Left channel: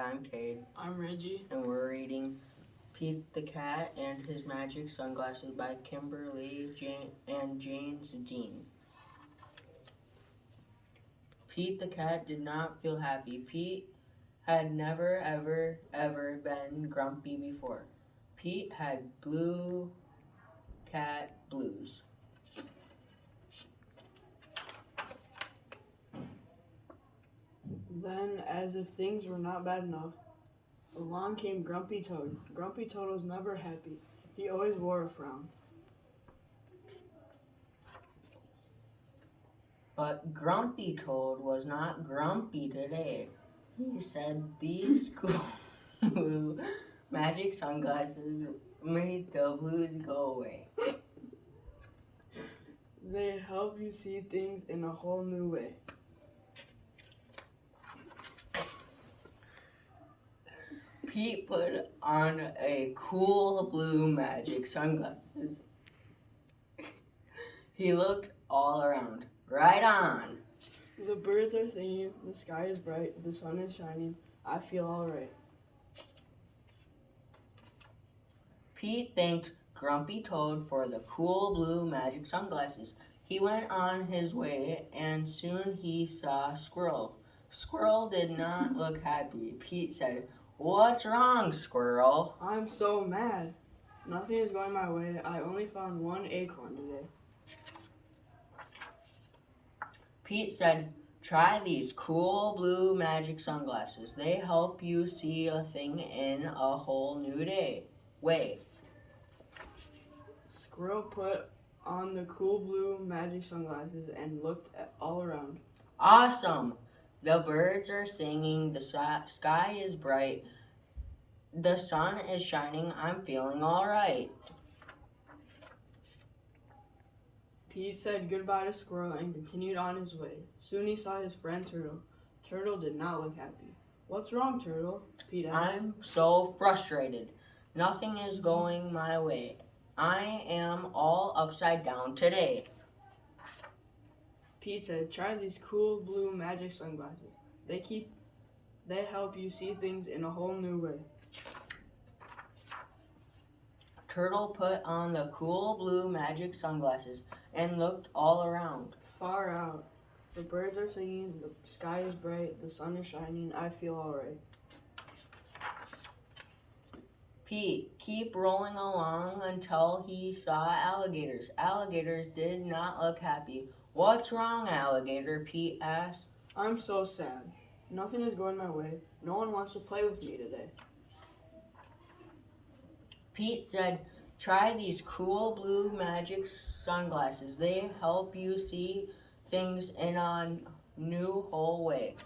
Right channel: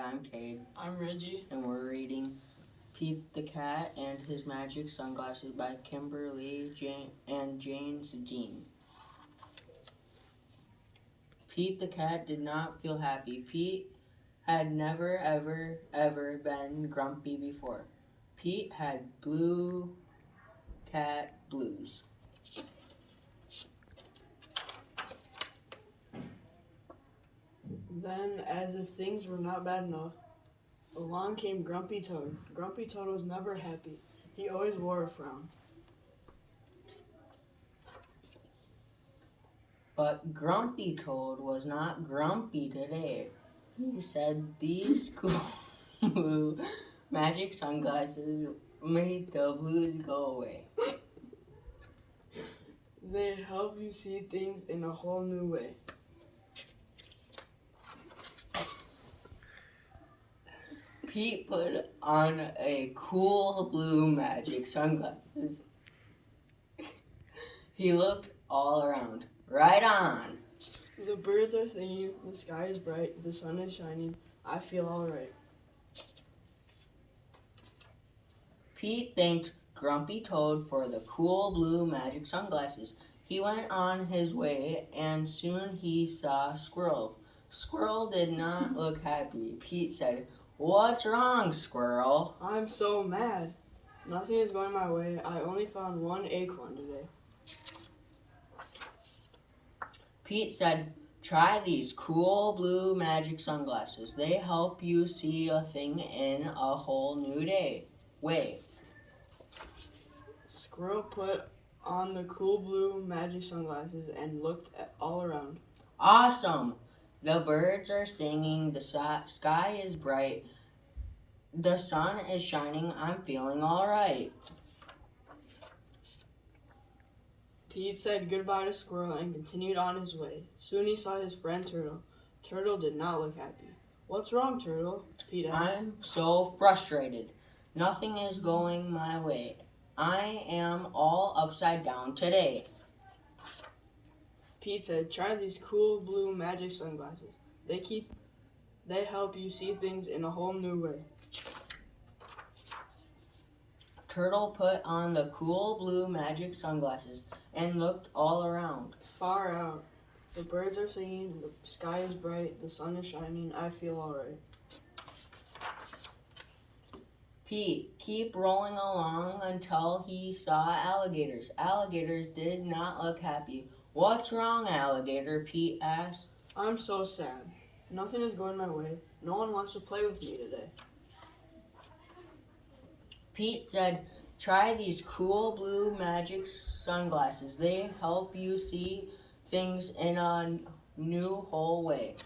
I'm Cade, I'm Reggie. and we're reading Pete the Cat and His Magic Sunglasses by Kimberly and James Dean. Pete the Cat did not feel happy. Pete had never, ever been grumpy before. Pete had blue cat blues. Then, as if things were not bad enough, along came Grumpy Toad. Grumpy Toad was never happy. He always wore a frown. But Grumpy Toad was not grumpy today. He said these cool blue magic sunglasses made the blues go away. They help you see things in a whole new way. Pete put on a cool blue magic sunglasses. He looked all around. Right on. The birds are singing, the sky is bright, the sun is shining, I feel alright. Pete thanked Grumpy Toad for the cool blue magic sunglasses. He went on his way and soon he saw Squirrel. Squirrel did not look happy. Pete said, "What's wrong, Squirrel?" I'm so mad. Nothing is going my way. I only found one acorn today. Pete said, "Try these cool blue magic sunglasses. They help you see a thing in a whole new way." Squirrel put on the cool blue magic sunglasses and looked all around. Awesome! The birds are singing, the sky is bright, the sun is shining, I'm feeling all right. Pete said goodbye to Squirrel and continued on his way. Soon he saw his friend Turtle. Turtle did not look happy. "What's wrong, Turtle?" Pete asked. I'm so frustrated. Nothing is going my way. I am all upside down today. Pete said, "Try these cool blue magic sunglasses. They help you see things in a whole new way." Turtle put on the cool blue magic sunglasses and looked all around. Far out, the birds are singing, the sky is bright, the sun is shining, I feel alright. Pete kept rolling along until he saw alligators. Alligators did not look happy. "What's wrong, alligator?" Pete asked. I'm so sad. Nothing is going my way. No one wants to play with me today. Pete said, "Try these cool blue magic sunglasses. They help you see things in a new whole way."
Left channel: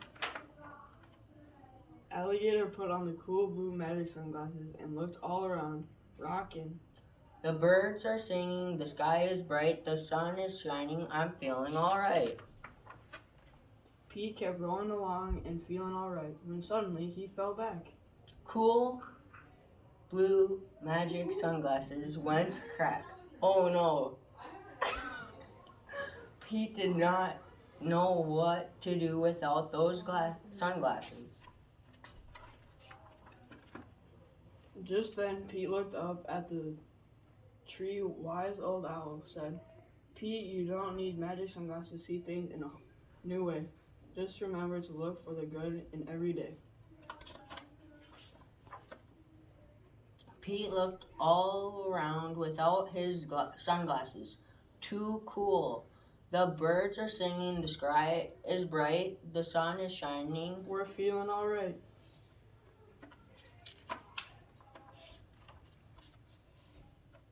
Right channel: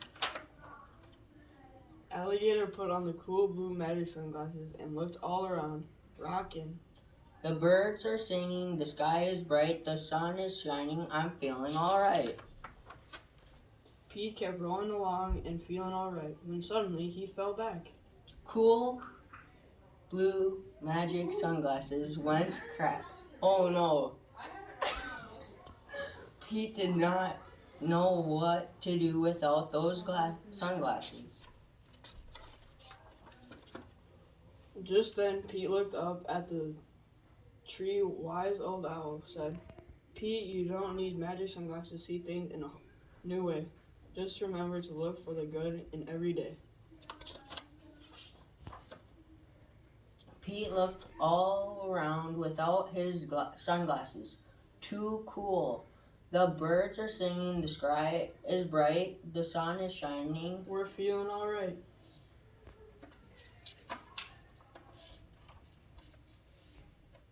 Alligator put on the cool blue magic sunglasses and looked all around, rockin'. The birds are singing, the sky is bright, the sun is shining, I'm feeling all right. Pete kept rolling along and feeling alright when suddenly he fell back. Cool blue magic sunglasses went crack. Oh no. Pete did not know what to do without those sunglasses. Just then, Pete looked up at the tree. Wise old owl said, "Pete, you don't need magic sunglasses to see things in a new way. Just remember to look for the good in every day." Pete looked all around without his sunglasses. Too cool. The birds are singing, the sky is bright, the sun is shining. We're feeling alright.